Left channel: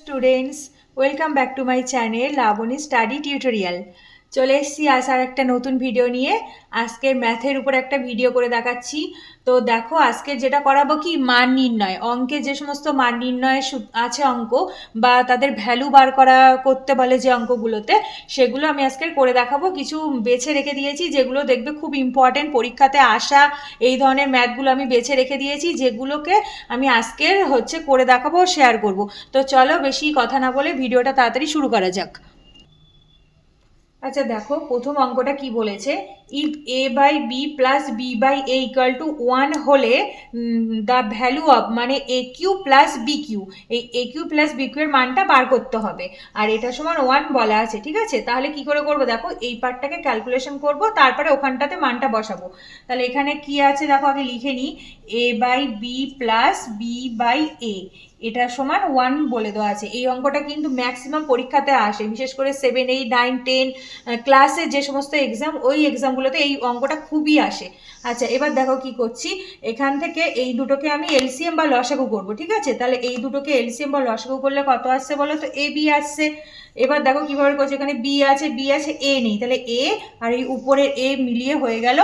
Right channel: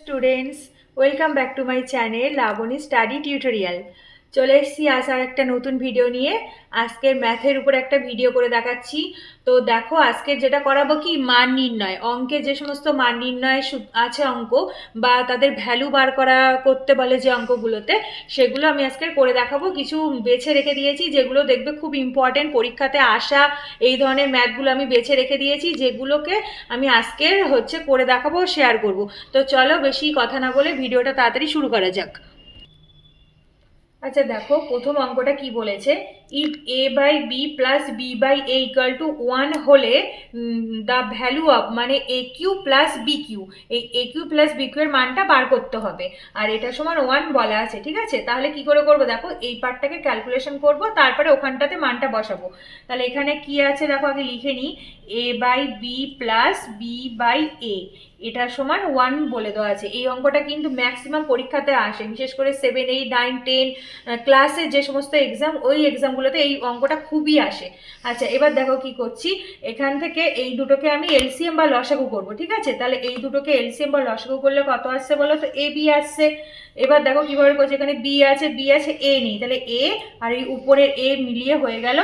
Students, welcome back to my channel Labani study tutorial. চলে এসেছি আসার একটা নতুন ভিডিও নিয়ে। আজকের ম্যাথের উপর একটা ভিডিও করে দেখাচ্ছি। তো দেখো, আজকের যেটা করাবো কি, মান নির্ণয়। অঙ্কে যে সমস্ত মান নির্ণয় আছে অঙ্ক, বা তাদের ভ্যালু বার করা করতে বলে যে অঙ্কগুলোতে, সেগুলো আমি আজকের করে দেখাবো। কিছু বেছে রেখে দিয়েছি যেগুলো দেখবে খুব ইম্পর্টেন্ট, পরীক্ষাতে আসা এই ধরনের ম্যাথগুলো আমি বেছে রেখে দিয়েছি, যেগুলোকে আমি আজকের করে দেখাবো, শেয়ার করব। তো চলো, বেশি কথা না বলে ভিডিওটা তাড়াতাড়ি শুরু করা যাক। আচ্ছা দেখো, প্রথম অঙ্কটা কি বলেছে, if A by B plus B by A equal to 1 হলে দ্য ভ্যালু অফ, মানে A Q plus B Q, এই A Q plus B Q এর মানটা বার করতে হবে। আর এটা সমান 1 বলা আছে, ঠিক আছে? তাহলে কি করে করবো দেখো, এই পার্টটাকে ক্যালকুলেশন করব, তারপরে ওখানটাতে মানটা বসাবো। তাহলে এখানে কি আছে দেখো, আগে লিখে নিই। A by B plus B by A, এটা সমান 1 বলে দেওয়া আছে। এই অঙ্কটা কিন্তু ম্যাক্সিমাম পরীক্ষাতে আসে, বিশেষ করে 7, 8, 9, 10 ক্লাসে যে সমস্ত এক্সাম, ওই এক্সামগুলোতে এই অঙ্কটা খুবই আসে। আচ্ছা, এবার দেখো কি করছি। এখান থেকে এই দুটোকে আমি এলসিএম বা লসাগু করবো, ঠিক আছে? তাহলে এই দুটোকে এলসিএম বা লসাগু করলে কত আসছে বলো তো? এ বি আসছে। এবার দেখো কিভাবে করছে, এখানে বি আছে, এ নেই, তাহলে এ আর এই উপরের এ মিলিয়ে হয়ে গেল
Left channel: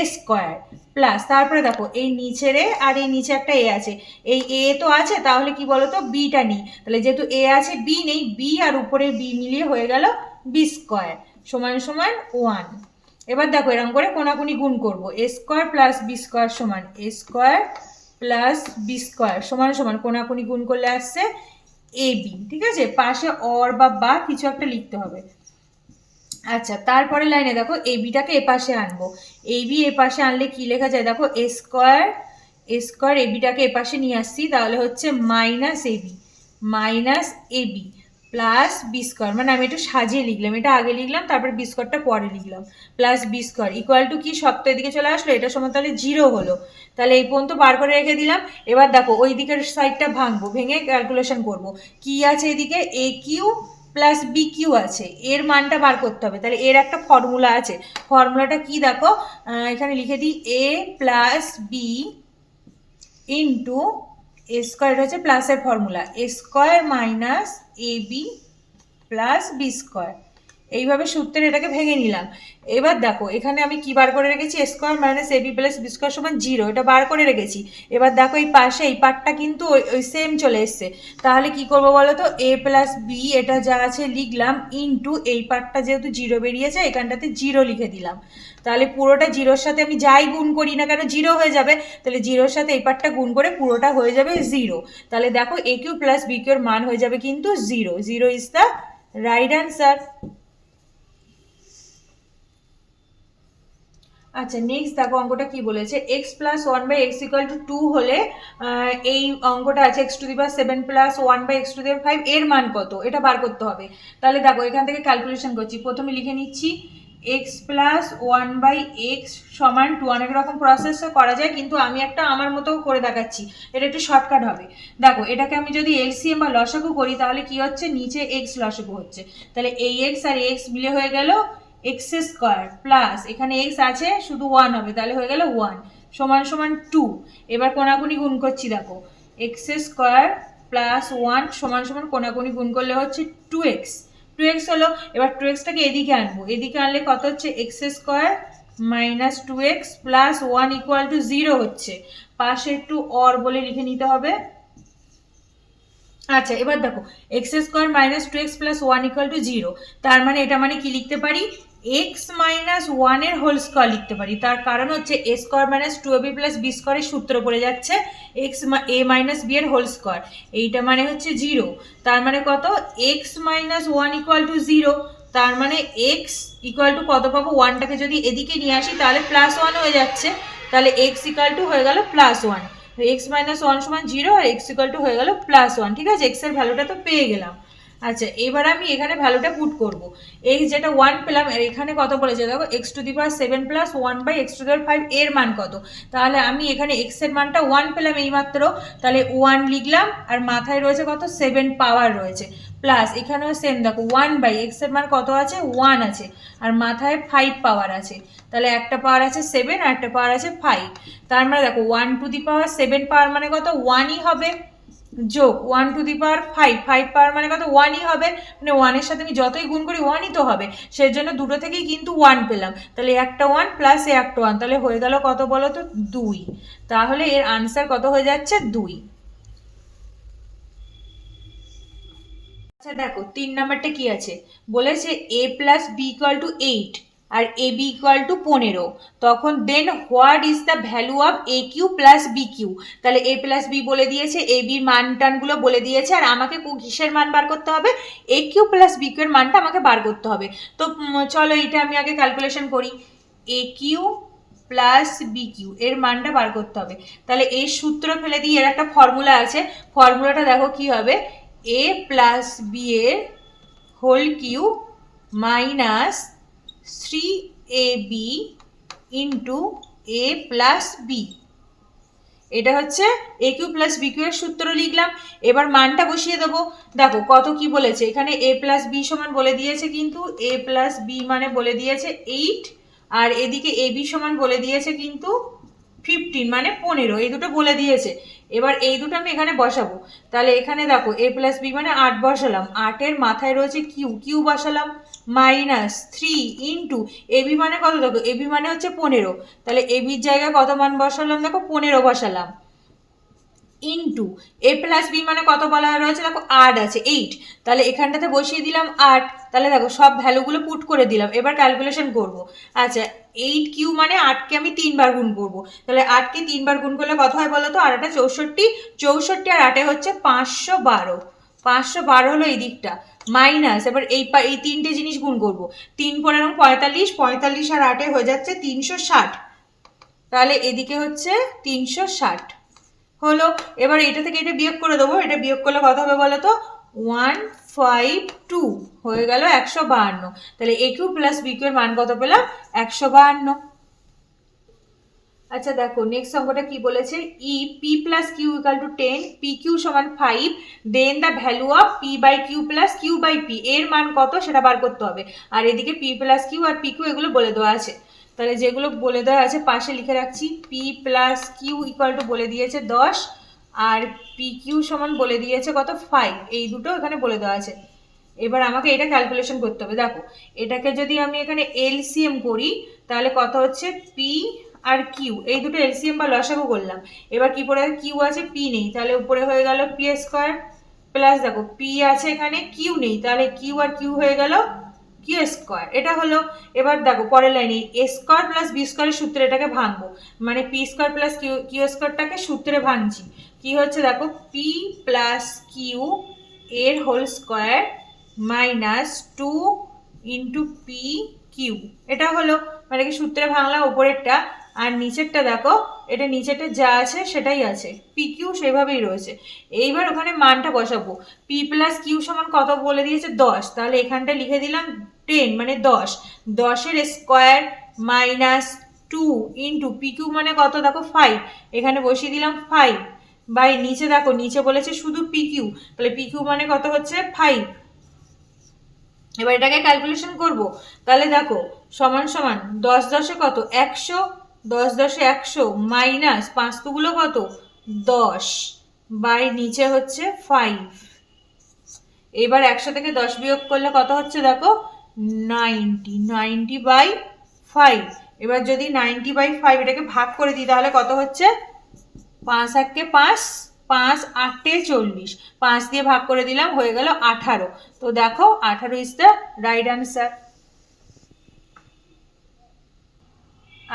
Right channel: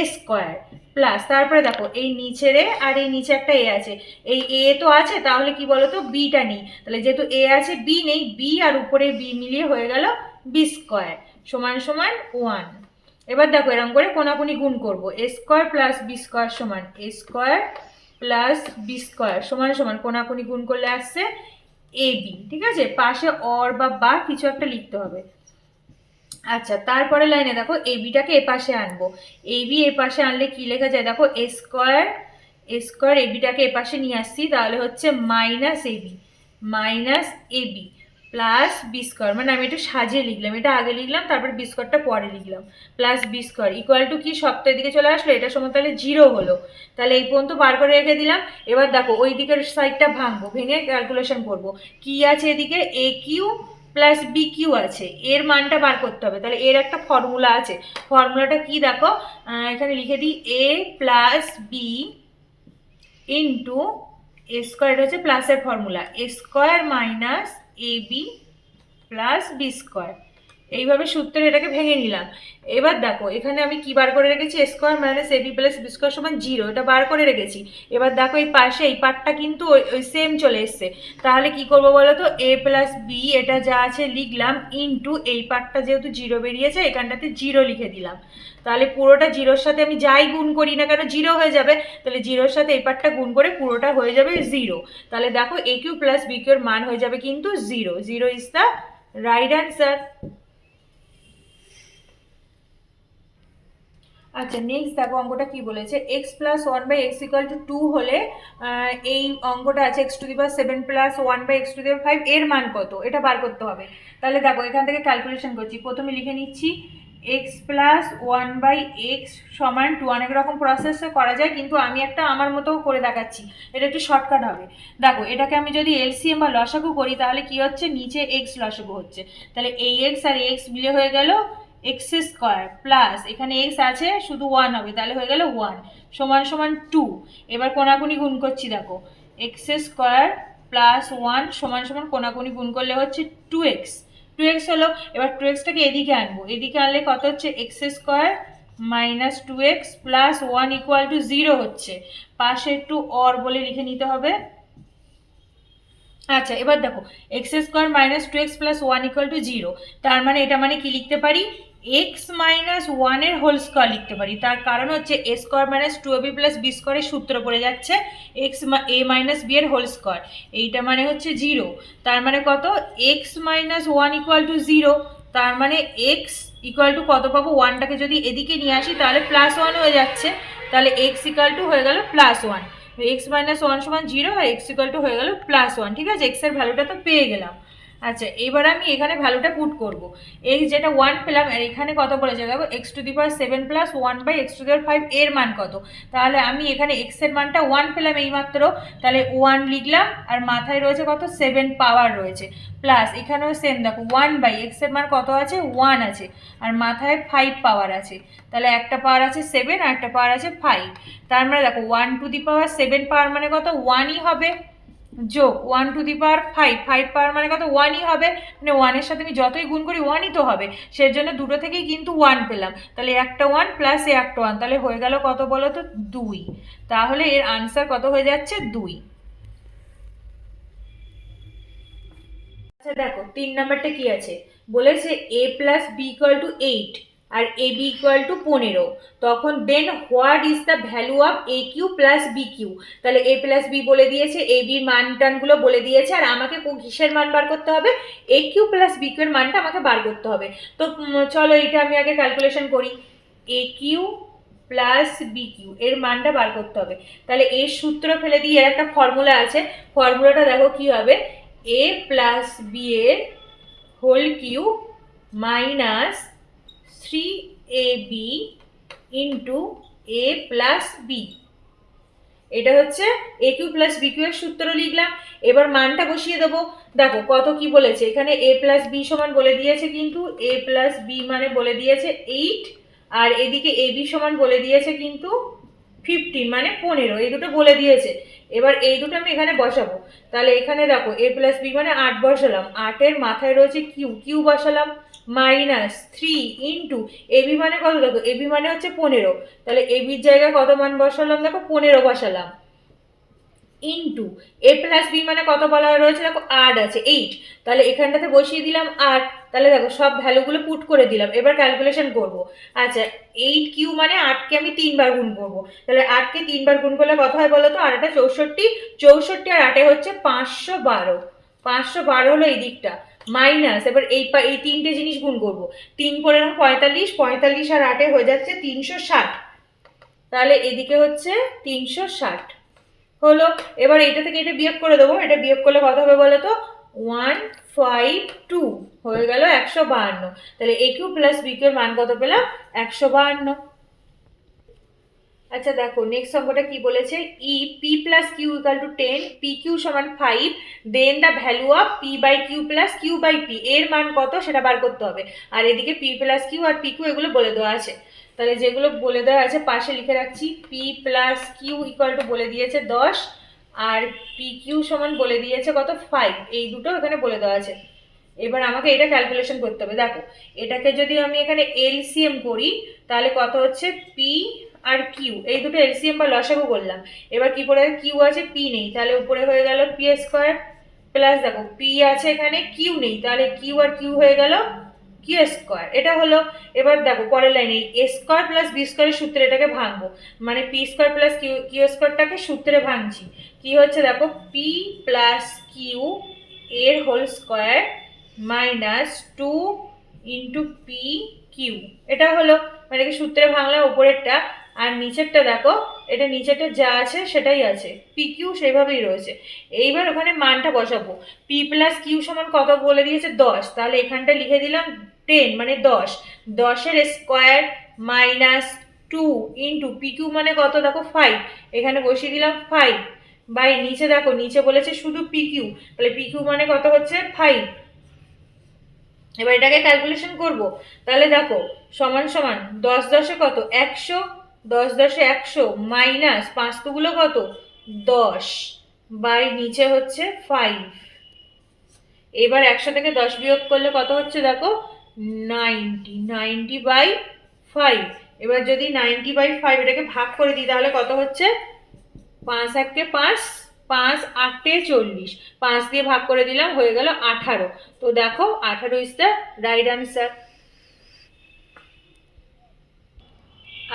এ স্কোয়ার, প্লাস তারপরে দেখো এই নিচের এ আর এই নিচে একটা এ আছে, এই এ তো আছে, তাহলে কি বলতো, বিটা নেই। তাহলে যেহেতু এ আছে, বি নেই, বি আর উপরে বি মিলিয়ে হয়ে গেল বি স্কোয়ার সমান সমান 1। এবার দেখো এরকম করে কোনাকুনি গুণ করবো, এ স্কোয়ার প্লাস বি স্কোয়ার সমান এ স্কোয়ার প্লাস বি স্কোয়ার সমান সমান কোনাকুনি গুণ করলে আসছে এ বি, ঠিক আছে? পাশে অর বা কিছু একটা লিখতে হবে। আচ্ছা, তারপরে লাইনে দেখো এ বিটাকে এ পাশে আনবো। এ বি এ পাশে আনলে কি লেখা যায় দেখো, এ স্কোয়ার এ বিটাকে এ পাশে নিয়ে আসছি, তাহলে হচ্ছে minus A B plus B square, মানে আমি একটু সাজিয়ে লিখলাম, এটা আগে লিখলাম তারপর বি স্কোয়ারটা পরে লিখলাম, plus B square equal to কি, সপ্তাহের দিকে চলে আসলো, এটা সময় তাহলে 0 হলো। তাহলে এই পর্যন্ত বার করে রেখে দিলাম। এবার দেখো ওই দিকের সাইডটা ভাঙবো, ভেঙে ক্যালকুলেশন করব। কি আছে এদিকে, এ কিউ প্লাস বি কিউ আছে, এর মানটা বার করতে হবে। তাহলে এর একটা ফর্মুলা আছে, ফর্মুলাটা কি দেখো, এখানে লিখে দিই, এ প্লাস বি ইন্টু এ স্কোয়ার, এটা হচ্ছে প্লাসের formula, A square minus A B plus B square. এইভাবে সূত্রে এটাকে ভেঙে নিলাম। এবার দেখো এখানে আমি কি বার করে রেখেছি, এ square minus A B plus B square সমান 0, এটা বার করে রেখেছি। এবার দেখো এই পাশে এই পার্টটা কিন্তু ওই সেম চলে এসছে। তাহলে কি করবো বলো তো, এ প্লাস বি এটা যা আছে লিখলাম, ইন্টু এই পার্টটা যেহেতু 0 বেরিয়েছে, এখানটাতে 0 লিখে দিলাম। তাহলে পুরোটা 0-র সাথে আমি যাই গুণ করি না কেন 0 হয়ে যাবে, তাহলে 0-র সাথে এই পার্টটা গুণ করে পুরোটা হয়ে যাবে 0। তাহলে দেখো এ কিউ প্লাস বি কিউ এর মান হয়ে যাবে কিন্তু 0। 0 ইজ দ্য রাইট অ্যান্সার। আচ্ছা, নেক্সট দেখো অঙ্কটা কি বলেছে, x plus 1/x equal to 2 হলে এই অঙ্কটা আছে x to the power 7 plus 1/x to the power 5 এর মান কত, এটা বার করতে হবে। তাহলে দেখো এখান থেকে ক্যালকুলেশন করছি, প্রথমে লিখে নিচ্ছি এক্স প্লাস 1/x সমান 2। অনেক রকম প্রসেসও করা যায়, কিন্তু আমি একটা আমার মতো করে দেখাচ্ছি, এটা একটু শর্টকাট হবে। দেখো এটাকে আমি যদি এলসিএম বা লসাগু করি, তাহলে কি হচ্ছে, নিচে এক্স লসাগু হচ্ছে, তাহলে এই এক্স আর এক্স মিলে হয়ে গেল এক্স স্কোয়ার, প্লাস এখানে এক্স আছে শুধু 1 হবে, তাহলে হয়ে গেল 1 সমান সমান 2। এবার কোনাকুনি গুণ করছি, দেখো এক্স স্কোয়ার প্লাস 1 সমান সমান কোনাকুনি গুণ করলে হচ্ছে 2x। 2x হলো, এবার 2xটাকে এদিকে আনবো, এদিকে আনলে কত হচ্ছে, x square minus 2x plus 1 equal to 0 হচ্ছে। পাশে একটু অর বলে লিখে নিতে হবে। আচ্ছা, এবার দেখো x square minus 2x plus 1 equal to 0, তার মানে এটা মানে কি লিখতে পারি, এক্স মাইনাস 1 এর হোল স্কোয়ার লিখতে পারি। তার কারণ হচ্ছে A square minus 2ab plus B স্কোয়ারের সূত্র পড়ে যাচ্ছে এক্স এ মাইনাস বি এর হোল স্কোয়ার, এইটা মানে হচ্ছে 0। তার মানে কত, এক্স মাইনাস 1 ইকুয়াল টু 0। তার মানে এক্স ইকুয়াল টু কত পাবো, 1টাকে যদি এদিকে নিয়ে আসি তাহলে প্লাস 1 হয়ে যাচ্ছে, তাহলে এক্স ইকুয়াল টু হয়ে গেল প্লাস 1। এক্স মাইনাস 1 সমান 0 আর এক্স ইকুয়াল টু হয়ে গেল প্লাস 1, ঠিক আছে? এক্স এর ভ্যালুটা তো পেয়ে গেলাম। আচ্ছা, এবার আমি এখানে ভ্যালুটা পুট করব। এই যেটা 1 পেলাম, আর এখানে কত বলেছে দেখো, x to the power 7 plus 1/x to the power 5 এর মান কত। তাহলে আমি এখানে এক্স এর মানটা 1 পেলাম এইমাত্র, তাহলে 1 লিখলাম, আর মাথায় রয়েছে কত, 7 পাওয়ার রয়েছে, প্লাস এখানেও সেম দেখো 1/x এর মান কত আছে, 1 আছে, আর মাথায় 5 পাওয়ার আছে, তাহলে একটা পাওয়ার আছে 7 আর একটা পাওয়ার আছে 5। তার মানে দেখো 1 টু দি পাওয়ার 7 পাওয়ার মানে কত, 1ই হবে। যোগ 1 টু দি পাওয়ার 5, 5 পাওয়ার মানে কত 1ই হবে, মানে 1-এর সাথে আমি যতই গুণ করি 1ই তো হবে, সেই জন্য দুটো থেকেই কিন্তু 1 পেলাম, তাহলে একটা 1 প্লাস একটা 1, তাহলে হয়ে গেল কত বলো তো 2, তাহলে এর আনসার কত হয়ে যাচ্ছে 2। আচ্ছা দেখো 3 নাম্বারটা কি আছে, বলেছে a plus B equal to 8 আর এ বি ইকুয়াল টু 15, তখন then what is the value of A Q plus B cube. তাহলে এ প্লাস বি বলে দিয়েছে, এ বির মান টানগুলো বলে দিয়েছে, আর আমাকে কিসের মান বার করতে হবে, এ কিউ প্লাস বি কিউ এর মানটা আমাকে বার করতে হবে। তো চলো এইটা আমি আগে ক্যালকুলেশন করি, এ কিউ প্লাস বি কিউ এর মানটা বার করতে হবে। তাহলে এর সূত্র ফেলে দিয়ে এর একটা ফর্মুলা আছে, ফর্মুলাটা দেখো কি হবে, এ প্লাস বি এর whole cube minus 3ab into A plus B, এটা হচ্ছে A Q plus B Q এর সূত্র লিখলাম। এবার মানটা বসিয়ে দেবো, দেখো কত কি বলেছে এখানে, এ প্লাস বি সমান বলে দিয়েছে, কিন্তু এ প্লাস বি মানে বলে দিয়েছে 8, আর এদিকে এ বি সমান বলে দিয়েছে কিন্তু 15 মানে 15, এই দুটো বলে দিয়েছে। এবার এই দুটো আমি এখানে বসাবো, তাহলে এখানে দেখো এ প্লাস বি মানে 8 বসালাম, 8-এর মাথায় রয়েছে কিউ, কিউ বসালাম, মাইনাস 3 ইন্টু এবি মানে কত, দেখো এবি মানে হচ্ছে 15, তাহলে এবির জায়গায় কত মান বসালাম, দেখো 15 বসালাম, ইন্টু এ প্লাস বি মানে কত বলা রয়েছে, দেখো 8 আছে 8, তাহলে এখানটাতে বসিয়ে দিলাম 8, তাহলে দেখো সব ভ্যালুগুলো পুট করে দিলাম, এবার ক্যালকুলেশন করব। আচ্ছা 8 কিউ মানে 8কে আমি 3 বার গুণ করব, তাহলে 8কে 3 বার গুণ করলে কত হয় বলো তো, আর 8 64, 64 আর 8 হচ্ছে 512, 512 হলো এই দিকটা, মাইনাস এবার এই তিনটে জিনিস গুণ করব, 3 করে 45, 45 আর 8 হয়ে যাচ্ছে 360, তাহলে এদিকে হচ্ছে 360 হলো। এবার এটা থেকে এটা বিয়োগ করে দেবো, এটা বিয়োগ করলে কত হবে বলো তো, 152 হয়ে গেল 152, তাহলে এ কিউ প্লাস বি কিউ এর মান কত পেলাম, 152। আচ্ছা দেখো নেক্সট অঙ্কটা কি বলেছে, ই P plus Q equal to 10, P Q সমান 5, then the value of P by Q plus Q by P, এর মান কত সেটা বার করতে হবে, আর এদিকে পি প্লাস কিউ আর পি কিউ এগুলো বলে দেওয়া আছে, তাহলে যেগুলো বলে দেওয়া আছে পাশে লিখে রাখছি, P plus Q equal to বলে দিয়েছে 10, আর পি কিউ সমান বলে দিয়েছে কত 5, এই দুটো এখানে বলে দেওয়া আছে। এবার আমাকে এটা ক্যালকুলেশন করতে হবে, দেখো এটাকে যদি আমি এখানে এলসিএম করি তাহলে কত হচ্ছে, পি আর কিউ এই দুটো এলসিএম বা লসাগু করলাম, এবার কি পড়ে কিউ আছে পি নেই, তাহলে উপরে হয়ে গেল পি স্কোয়ার, প্লাস দেখো পি আছে এখানে কিউ নেই, তাহলে কিউ আর কিউ হয়ে গেল কিউ স্কোয়ার, এটা হলো। এবার দেখো পরের লাইনে এ স্কোয়ার প্লাস বি স্কোয়ারের সূত্রে এটাকে ভাঙবো, মানে পি স্কোয়ার প্লাস কিউ স্কোয়ারটাকে সূত্রে ভাঙছি, কি হচ্ছে দেখো পি প্লাস কিউ এর whole square minus 2 into P Q, এটা হলো, মানে কি সূত্রে ভাঙলাম উপরেরটা, আর নিচেরটা দেখো এটা নিচেরটা যা আছে সেটাই আছে, পি কিউ সেইভাবেই রয়েছে। এইবার ওখানে মানটা বসাবো, পি প্লাস কিউ সমান কত বলে দিয়েছে 10, তাহলে এখানটা লিখে দিলাম 10 মানে 10, 10-এর square minus 2 into P Q মানে কত দেখো 5, এখানে বসিয়ে দিলাম 5, বাই নিচে দেখো নিচে বলেছে শুধু পি কিউ, তাহলে পি কিউ মানে কত হচ্ছে 5। এবার এটাকে ক্যালকুলেশন করব, তাহলে দেখো সমান সমান 10 10-এ কত 100, 10 10-এ 100 মাইনাস 5 গুলো কত 10, বাই নিচে হচ্ছে 5, এবার 100 থেকে 10 বিয়োগ করলে কত হচ্ছে দেখো 90, 90 বাই 5, এবার যদি 90 বাই 5 এটাকে ভাগ করে দিই তাহলে কত হচ্ছে, 5 1-কে 5, 5 8-এ 40, 5 দিয়ে ভাগ করে দিলাম হয়ে গেল 18, তো দেখো 18 ইজ দ্য রাইট অ্যান্সার।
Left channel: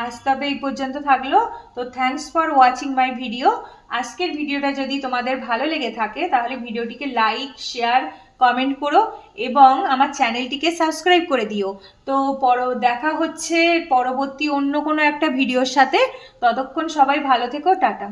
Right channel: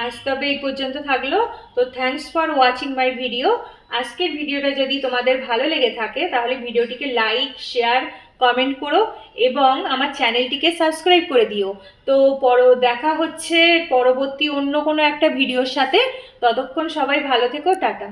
আজ তবে এই পর্যন্ত থাকলো, তো thanks for watching my video. আজকের ভিডিওটা যদি তোমাদের ভালো লেগে থাকে তাহলে ভিডিওটিকে লাইক শেয়ার কমেন্ট করো এবং আমার চ্যানেলটিকে সাবস্ক্রাইব করে দিও। তো দেখা হচ্ছে পরবর্তী অন্য কোনো একটা ভিডিওর সাথে, ততক্ষণ সবাই ভালো থেকো, টাটা।